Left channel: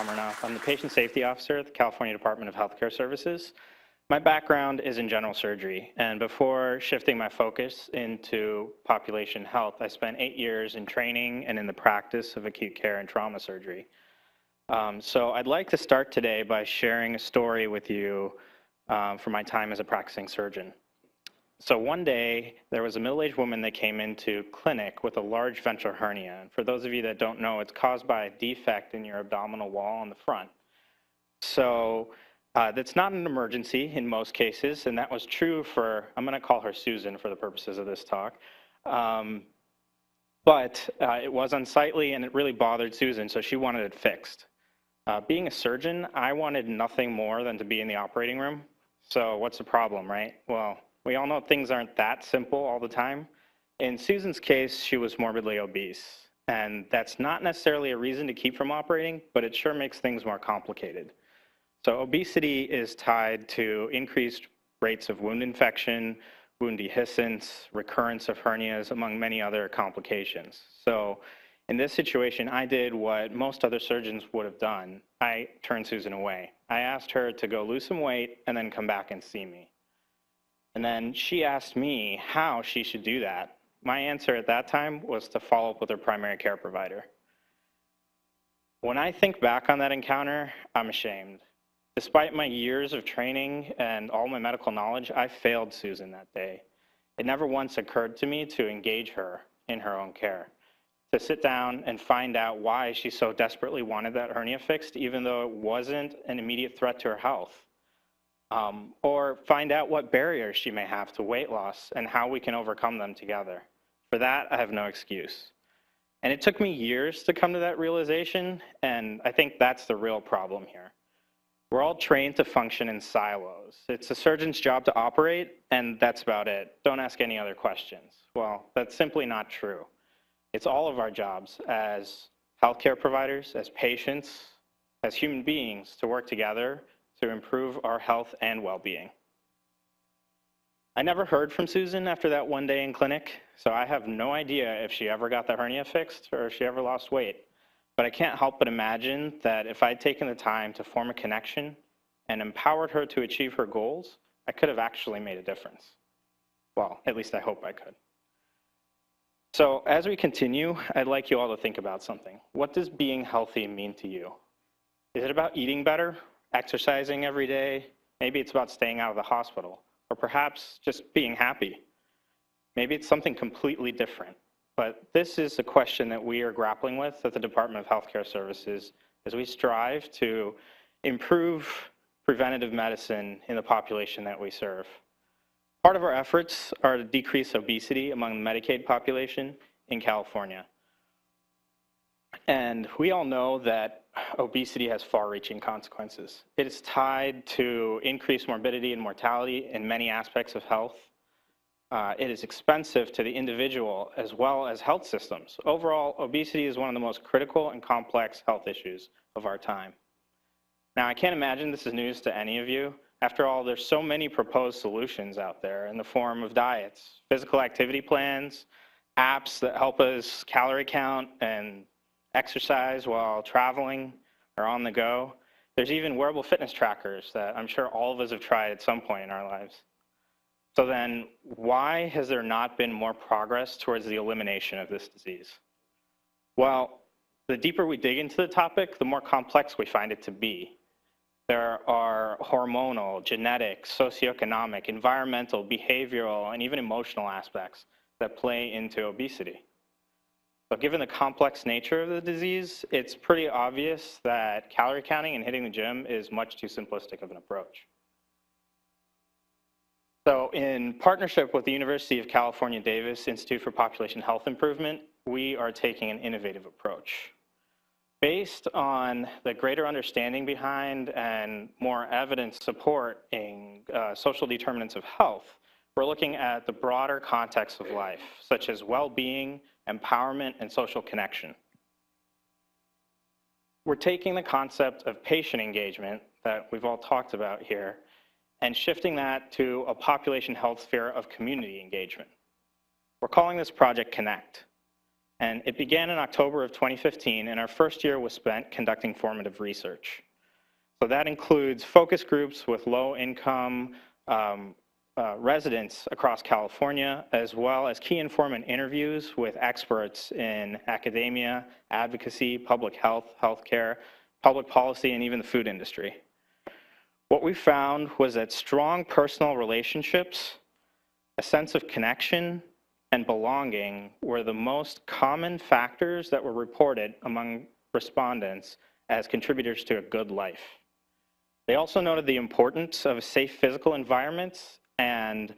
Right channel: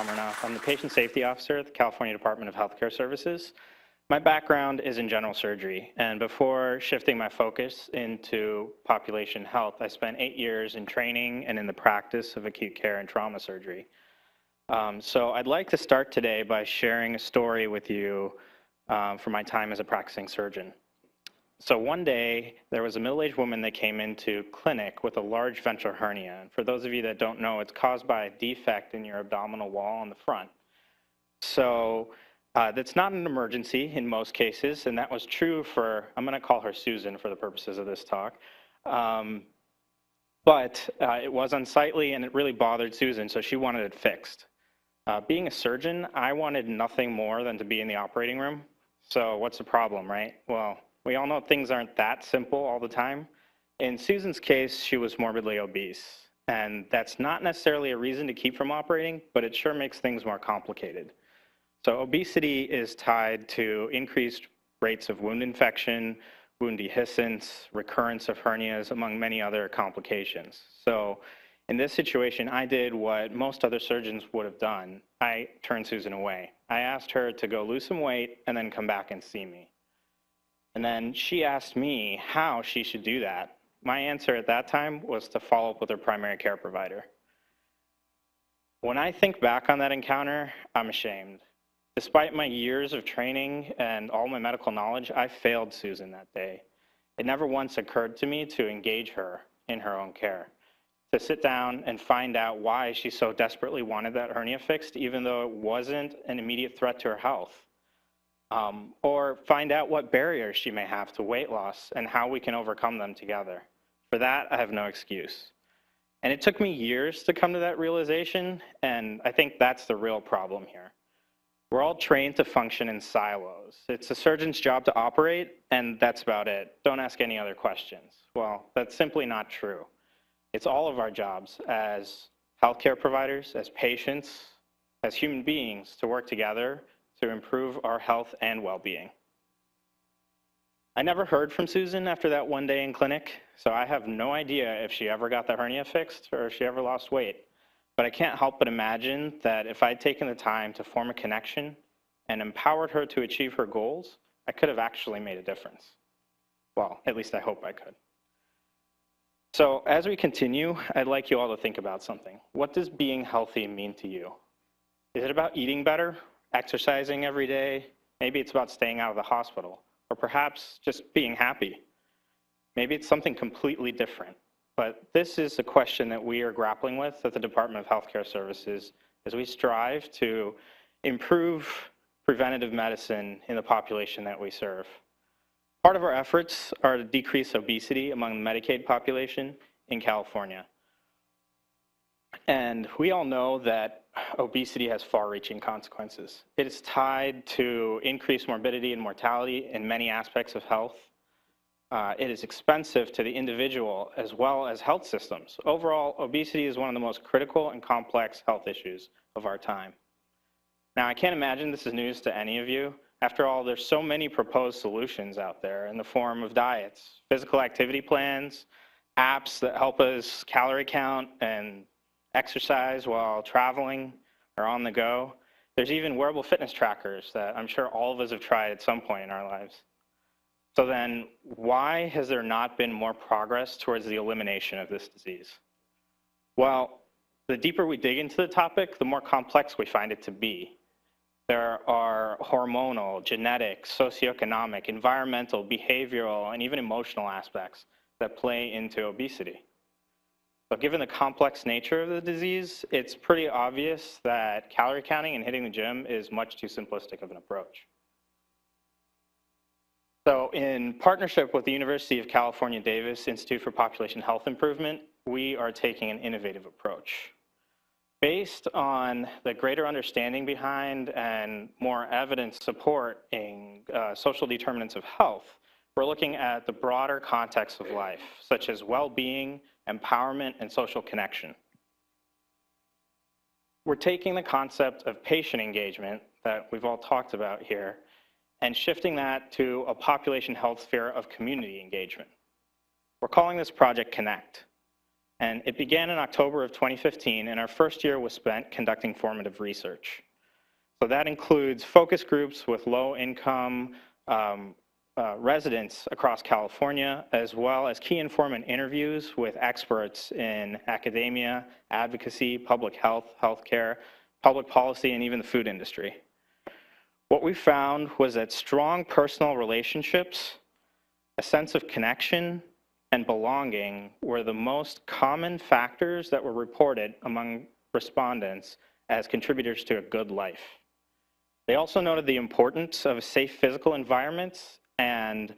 Amarnath. I'm the Patient Safety Officer at the California Department of Healthcare Services. My background is in general surgery, and before shifting my focus into population health, I spent 8 years in training and in the practice of acute care and trauma surgery. So I'd like to start today by sharing a story with you from my time as a practicing surgeon. So one day, there was a middle-aged woman that came into clinic with a large ventral hernia. And for those of you that don't know, it's caused by a defect in your abdominal wall on the front. So that's not an emergency in most cases, and that was true for, I'm going to call her Susan for the purposes of this talk. But it was unsightly, and it really bothered Susan, so she wanted it fixed. Being a surgeon, I wanted nothing more than to be in the operating room. So what's the problem, right? Well, we all know things aren't that simple all the time. In Susan's case, she was morbidly obese. And that's not necessarily a reason to keep from operating, but it sure makes things more complicated. So obesity is tied to increased rates of wound infection, wound dehiscence, recurrence of hernias, among many other complications. So in this situation, I did what most other surgeons would have done. I turned Susan away. I asked her to go lose some weight and then come back and see me. And then she asked me how she should do that. My answer at that time was to follow up with her primary care provider. When I think back on that encounter, I'm ashamed. Despite my years of training and all my medical knowledge, I failed Susan that day. It never once occurred to me to engage her in her own care, to sit down and find out why she so desperately wanted that hernia fixed, even though it wasn't an immediate threat to her health. Or find out what barriers she may have to weight loss and how we can overcome them together. For that, I have no excuse. And it took me years to come to that realization, and I think that's the real problem here. We're all trained to function in silos. It's a surgeon's job to operate, and that's about it. Don't ask any other questions. Well, that's simply not true. It's all of our jobs as healthcare providers, as patients, as human beings to work together to improve our health and well-being. I never heard from Susan after that one day in clinic, so I have no idea if she ever got the hernia fixed or if she ever lost weight. But I can't help but imagine that if I'd taken the time to form a connection and empowered her to achieve her goals, I could have actually made a difference. Well, at least I hope I could. So as we continue, I'd like you all to think about something. What does being healthy mean to you? Is it about eating better? Exercising every day? Maybe it's about staying out of the hospital, or perhaps just being happy. Maybe it's something completely different. But this is a question that we are grappling with at the Department of Healthcare Services as we strive to improve preventative medicine in the population that we serve. Part of our efforts are to decrease obesity among the Medicaid population in California. And we all know that obesity has far-reaching consequences. It is tied to increased morbidity and mortality in many aspects of health. It is expensive to the individual as well as health systems. Overall, obesity is one of the most critical and complex health issues of our time. Now, I can't imagine this is news to any of you. After all, there's so many proposed solutions out there in the form of diets, physical activity plans, apps that help us calorie count and exercise while traveling or on the go. There's even wearable fitness trackers that I'm sure all of us have tried at some point in our lives. So then, why has there not been more progress towards the elimination of this disease? Well, the deeper we dig into the topic, the more complex we find it to be. There are hormonal, genetic, socioeconomic, environmental, behavioral, and even emotional aspects that play into obesity. So given the complex nature of the disease, it's pretty obvious that calorie counting and hitting the gym is much too simplistic of an approach. So in partnership with the University of California, Davis Institute for Population Health Improvement, we are taking an innovative approach. Based on the greater understanding behind and more evidence supporting social determinants of health, we're looking at the broader context of life, such as well-being, empowerment, and social connection. We're taking the concept of patient engagement that we've all talked about here and shifting that to a population health sphere of community engagement. We're calling this Project Connect. And it began in October of 2015, and our first year was spent conducting formative research. So that includes focus groups with low-income residents across California, as well as key informant interviews with experts in academia, advocacy, public health, healthcare, public policy, and even the food industry. What we found was that strong personal relationships, a sense of connection, and belonging were the most common factors that were reported among respondents as contributors to a good life. They also noted the importance of safe physical environments and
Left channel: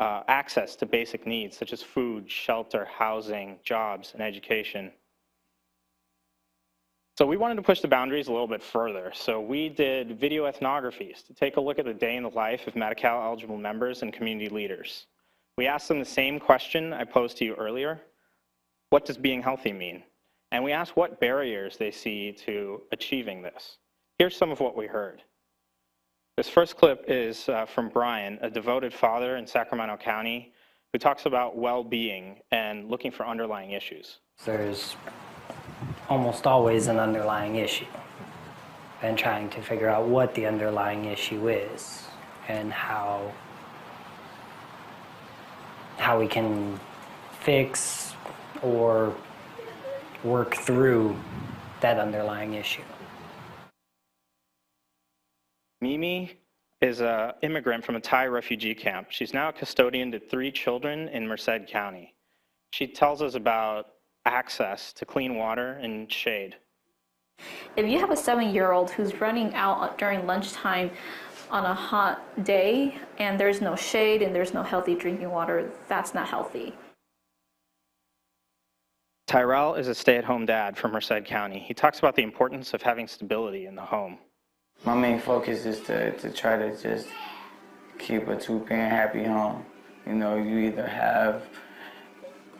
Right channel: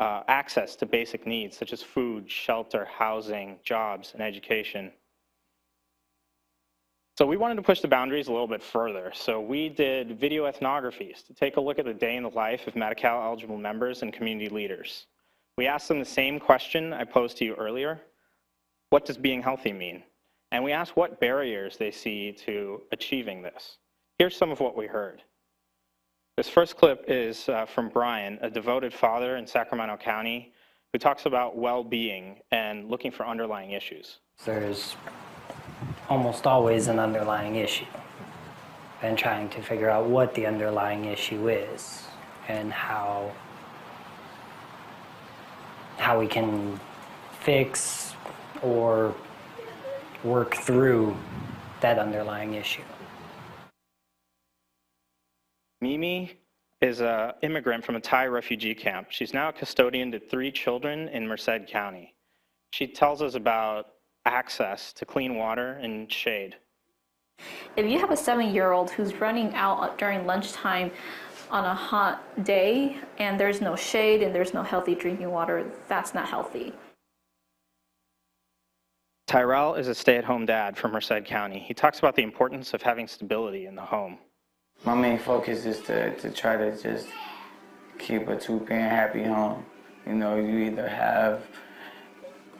access to basic needs such as food, shelter, housing, jobs, and education. So we wanted to push the boundaries a little bit further. So we did video ethnographies to take a look at the day in the life of Medi-Cal eligible members and community leaders. We asked them the same question I posed to you earlier. What does being healthy mean? And we asked what barriers they see to achieving this. Here's some of what we heard. This first clip is from Brian, a devoted father in Sacramento County, who talks about well-being and looking for underlying issues. There's almost always an underlying issue, and trying to figure out what the underlying issue is. How we can fix or work through that underlying issue. Mimi is an immigrant from a Thai refugee camp. She's now a custodian to 3 children in Merced County. She tells us about access to clean water and shade. If you have a 7-year-old who's running out during lunchtime on a hot day and there's no shade and there's no healthy drinking water, that's not healthy. Tyrell is a stay-at-home dad from Merced County. He talks about the importance of having stability in the home. My main focus is to try to just keep a 2-parent happy home. So you either have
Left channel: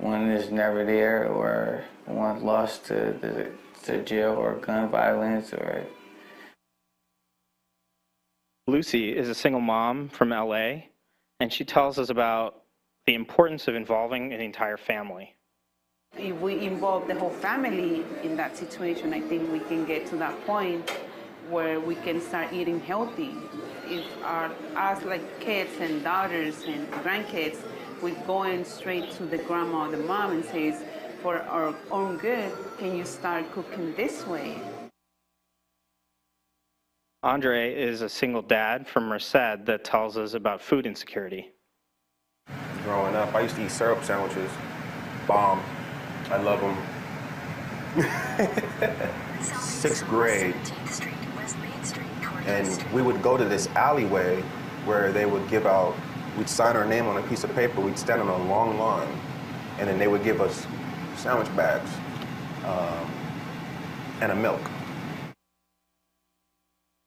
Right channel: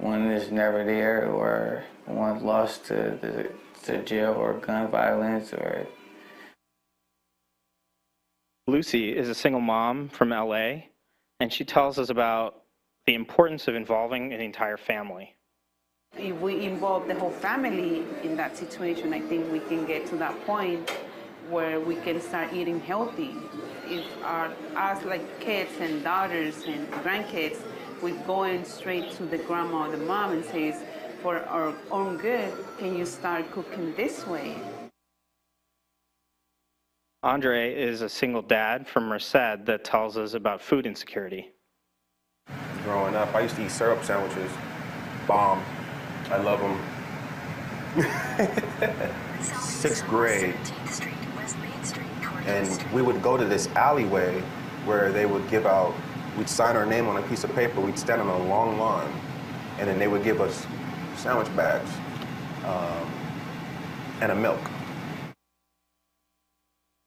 one that's never there, or one's lost to jail or gun violence, or... Lucy is a single mom from LA, and she tells us about the importance of involving the entire family. We involve the whole family in decision making. We get to that point where we can start eating healthy. Our kids and daughters, grandkids, we go and speak to the grandma and the mom and say, for our own good, can you start cooking this way? Andre is a single dad from Merced that tells us about food insecurity. Growing up, I used to eat syrup sandwiches, bomb. I love them. 6th grade, and we would go to this alleyway where they would give out, sign our name on a piece of paper, we'd stand in a long line, and then they would give us sandwich bags and a milk.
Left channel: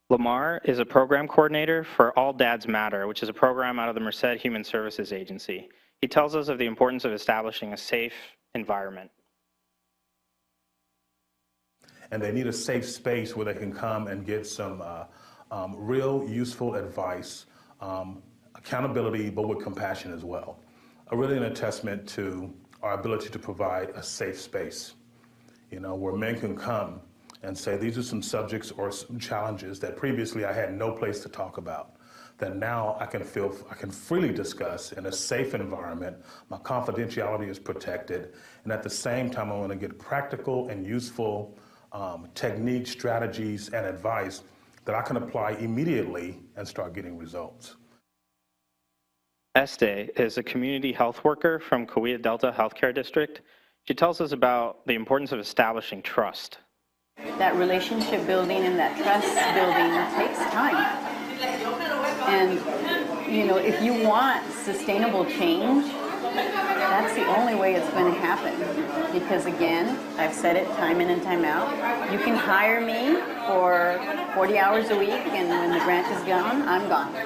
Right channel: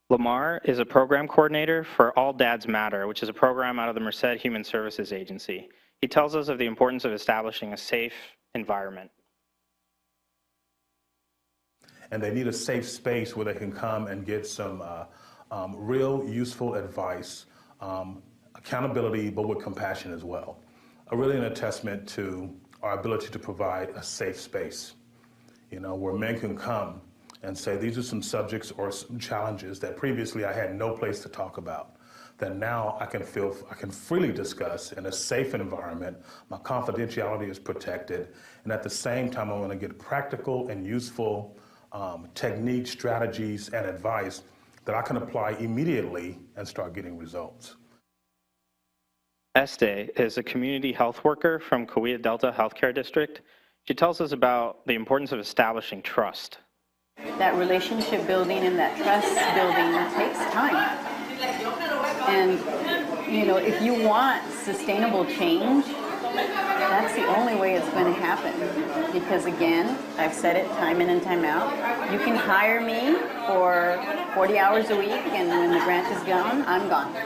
Lamar is a program coordinator for All Dads Matter, which is a program out of the Merced Human Services Agency. He tells us of the importance of establishing a safe environment. And they need a safe space where they can come and get some real useful advice, accountability, but with compassion as well. A really an testament to our ability to provide a safe space where men can come, say these are some subjects or some challenges that previously I had no place to talk about. And now I can freely discuss in a safe environment. Confidentiality is protected. At the same time, I want to give practical and useful techniques, strategies, and advice that I can apply immediately. Este is a community health worker from Cahuilla Delta Healthcare District. She tells us about the importance of establishing trust. That relationship building and that trust building takes time. And, if you want sustainable change, that's the only way it's going to happen. Because again, I've said it time in and time out, you can hire me for 40 hours a week and then the grant is done, I'm gone.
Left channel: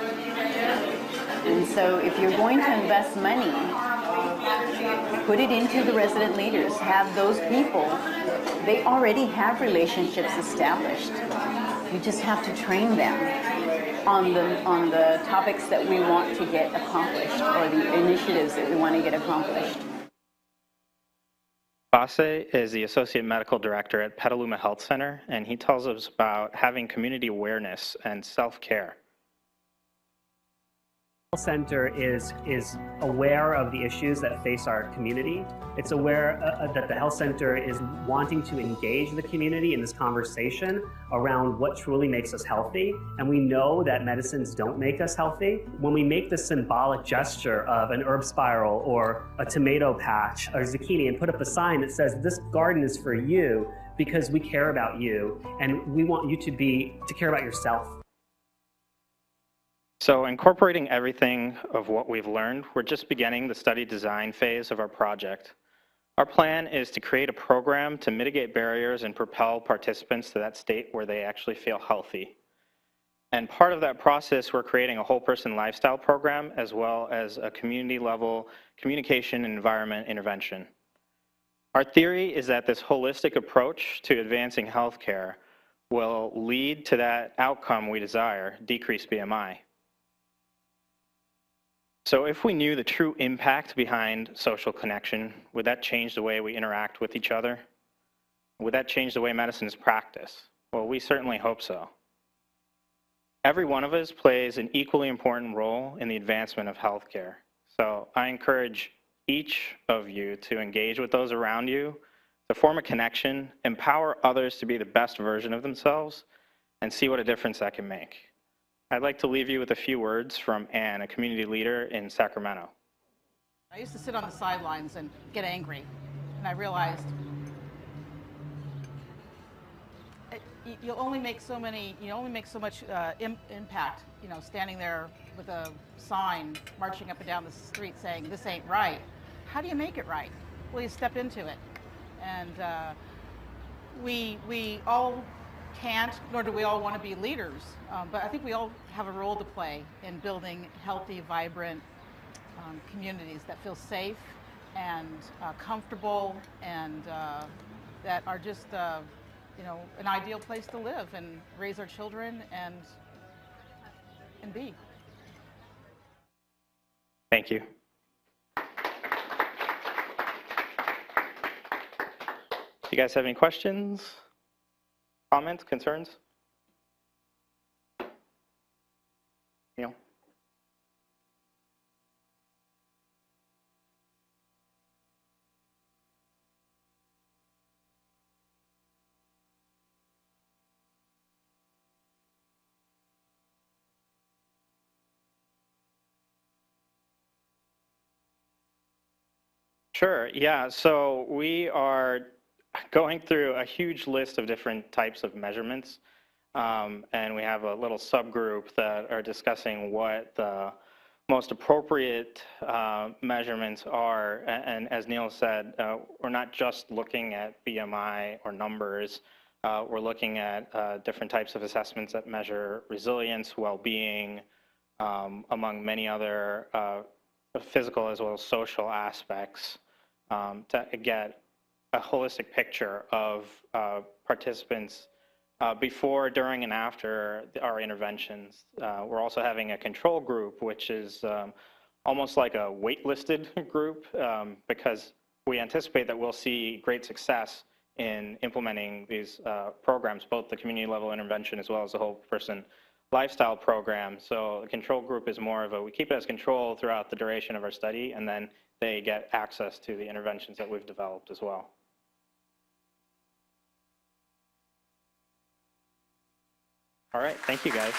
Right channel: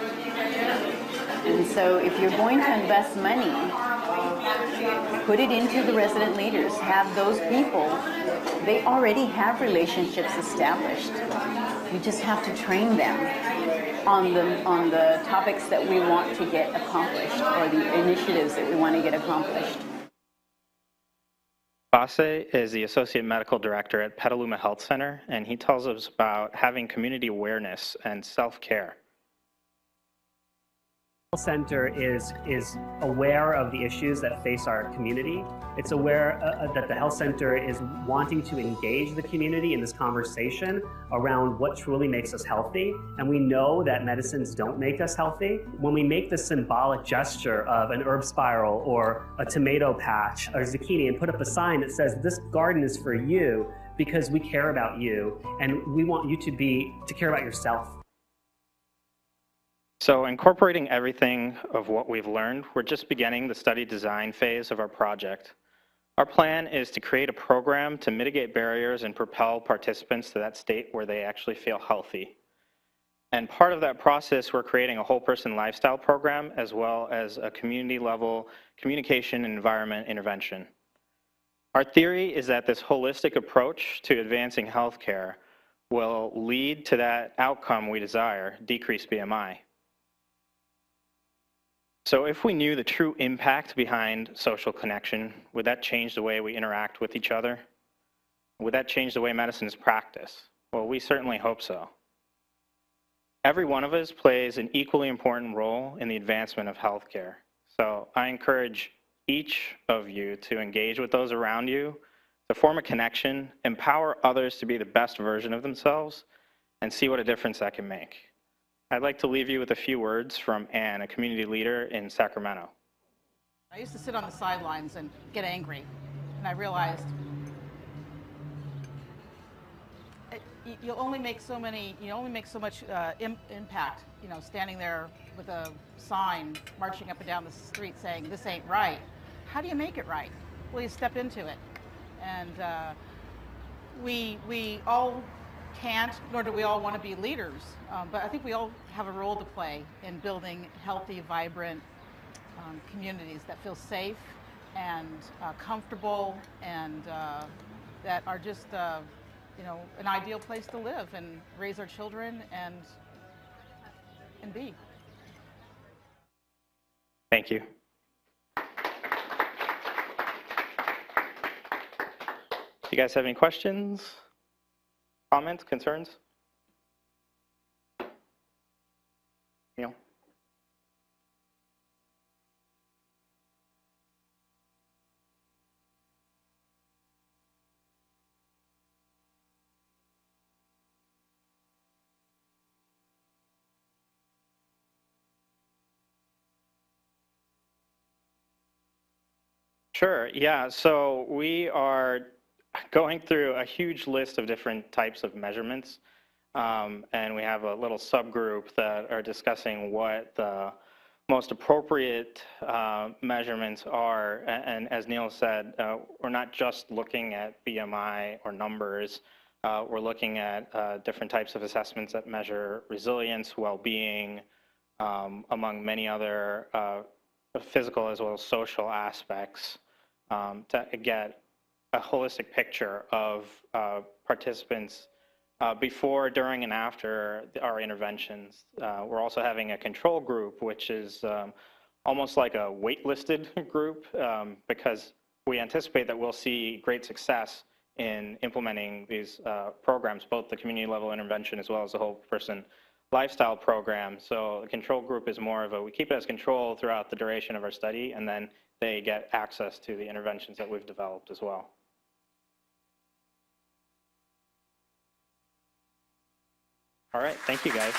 And so if you're going to invest money, put it into the resident leaders, have those people. They already have relationships established. You just have to train them on the topics that we want to get accomplished, or the initiatives that we want to get accomplished. Basse is the Associate Medical Director at Petaluma Health Center, and he tells us about having community awareness and self-care. It's aware of the issues that face our community. It's aware that the health center is wanting to engage the community in this conversation around what truly makes us healthy. We know that medicines don't make us healthy. When we make the symbolic gesture of an herb spiral or a tomato patch or a zucchini and put up a sign that says, this garden is for you because we care about you and we want you to care about yourself. So incorporating everything of what we've learned, we're just beginning the study design phase of our project. Our plan is to create a program to mitigate barriers and propel participants to that state where they actually feel healthy. And part of that process, we're creating a whole person lifestyle program as well as a community level communication and environment intervention. Our theory is that this holistic approach to advancing healthcare will lead to that outcome we desire, decreased BMI. So if we knew the true impact behind social connection, would that change the way we interact with each other? Would that change the way medicine is practiced? Well, we certainly hope so. Every one of us plays an equally important role in the advancement of healthcare. So I encourage each of you to engage with those around you, to form a connection, empower others to be the best version of themselves, and see what a difference that can make. I'd like to leave you with a few words from Ann, a community leader in Sacramento. On the sidelines. Right. Only make fine, marching up and down. Right. How do we all want to be leaders? I think we all hold the play. Healthy life. Oh, ideal places. Thank you. Do you guys have any questions, comments, concerns? Neil? Sure, yeah. So we are going through a huge list of different types of measurements. And we have a little subgroup that are discussing what the most appropriate measurements are. And as Neil said, we're not just looking at BMI or numbers. We're looking at different types of assessments that measure resilience, well-being, among many other physical as well as social aspects to get a holistic picture of participants before, during, and after our interventions. We're also having a control group, which is almost like a waitlisted group because we anticipate that we'll see great success in implementing these programs, both the community level intervention as well as the whole person lifestyle program. So the control group is more of we keep it as control throughout the duration of our study, and then they get access to the interventions that we've developed as well. All right, thank you guys.